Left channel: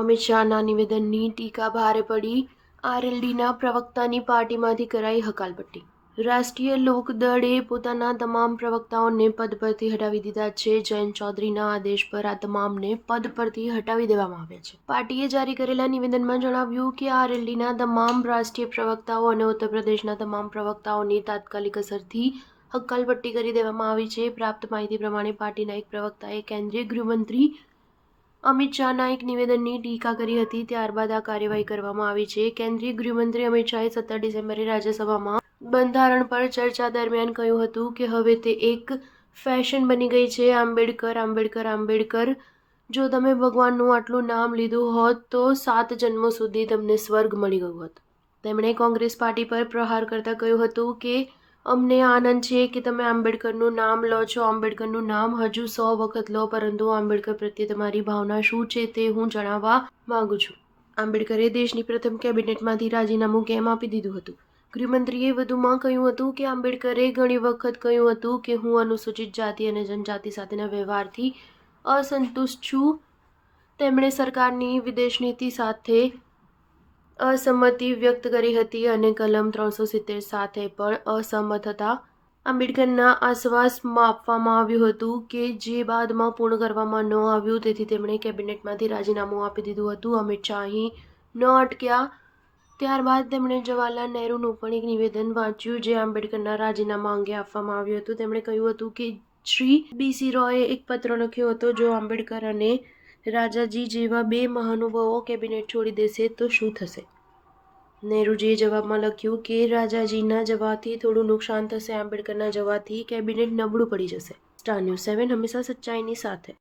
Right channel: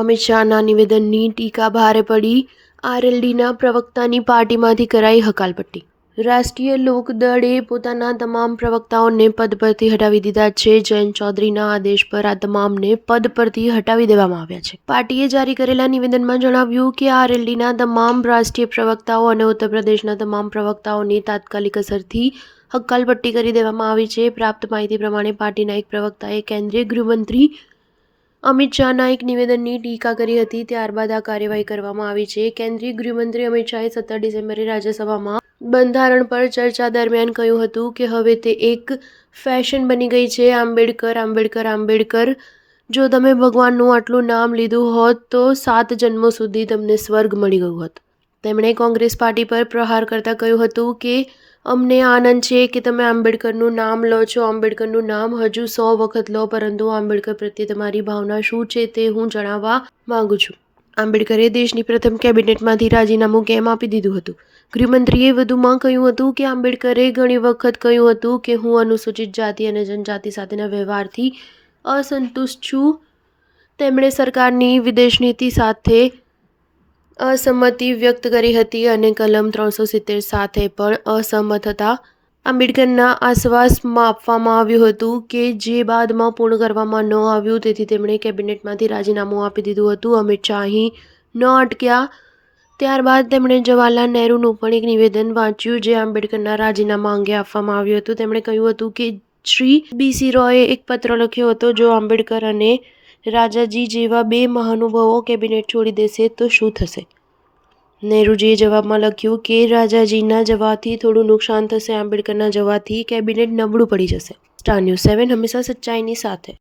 અમિત શાહના નિવેદનની ટીકા ભારે પડી। આરએલડીના પ્રવક્તાની પાર્ટીમાંથી કરાઈ હકાલપટ્ટી। રાષ્ટ્રીય લોકદળે પોતાના તમામ પ્રવક્તાઓને પદ પરથી હટાવી દીધા છે। જયંત ચૌધરીના આદેશ પર આ તમામને પદ પરથી હટાવી દેવામાં આવ્યા છે। પાર્ટીએ જારી કરેલા નિવેદનમાં જણાવ્યું કે આરએલડીના તમામ રાષ્ટ્રીય પ્રવક્તાઓ અને ઉત્તર પ્રદેશના તમામ પ્રવક્તાઓની તાત્કાલિક અસરથી હકાલપટ્ટી કરી દેવામાં આવી છે। પ્રાપ્ત માહિતી પ્રમાણે પાર્ટીના એક પ્રવક્તાએ કેન્દ્રીય ગૃહમંત્રી અમિત શાહના એક નિવેદનની ટીકા કરી હતી। ત્યારબાદ આ કાર્યવાહી કરવામાં આવી છે। કેન્દ્રીય ગૃહમંત્રી અમિત શાહે 17 ડિસેમ્બરે રાજ્યસભામાં બંધારણ પર ચર્ચા દરમિયાન કહ્યું હતું કે હવે તે એક ફેશન બની ગઈ છે। આંબેડકર આંબેડકર આંબેડકર। જો તમે ભગવાનનું આટલું નામ લીધું હોત તો 7 જન્મો સુધી તમને સ્વર્ગ મળી ગયું હોત। તેમણે કોંગ્રેસ પાર્ટી પર પ્રહાર કરતા કહ્યું હતું કે અમને આનંદ છે કે તમે આંબેડકરનું નામ લો છો। આંબેડકરનું નામ હજુ 100 વખત લો, પરંતુ આંબેડકર પ્રત્યે તમારી ભાવના શું છે તે હું જાણવા માંગુ છું। આંબેડકરે દેશની પ્રથમ કેબિનેટમાંથી રાજીનામું કેમ આપી દીધું હતું? ગૃહમંત્રીએ વધુમાં કહ્યું હતું કે આંબેડકરે ઘણી વખત કહ્યું હતું કે હું અનુસૂચિત જાતિ અને જનજાતિ સાથેના વ્યવહારથી અસંતુષ્ટ છું। તેમણે સરકારની વિદેશ નીતિ સાથે અસંમતિ વ્યક્ત કરી હતી અને કલમ 370 સાથે પણ અસહમત હતા। આંબેડકરના આશ્વાસમાં આપવામાં આવ્યું હતું કે જે બાદમાં પૂર્ણ કરવામાં ન આવ્યું, તેથી તેમણે કેબિનેટમાંથી રાજીનામું આપી દીધું હતું। અમિત શાહ અહીં ન અટક્યા। ત્યારબાદ તેમણે જવાહરલાલ નહેરુનું પણ એક નિવેદન વાંચ્યું જે આંબેડકરના રાજીનામા અંગે આપવામાં આવ્યું હતું। તેમણે કહ્યું હતું કે શ્રી BC રોયે એક પત્ર લખ્યો હતો, જો આંબેડકર અને રાજાજી જેવા 2 મહાનુભાવો કેબિનેટ છોડી દેશે તો શું થશે? નહેરુજીએ જવાબમાં લખ્યું કે રાજાજીના જવાથી થોડું નુકસાન થશે, આંબેડકરના જવાથી કેબિનેટ નબળું પડી જશે। સ્ટાર ન્યૂઝ 7 હંમેશા સચ્ચાઈની સાથે।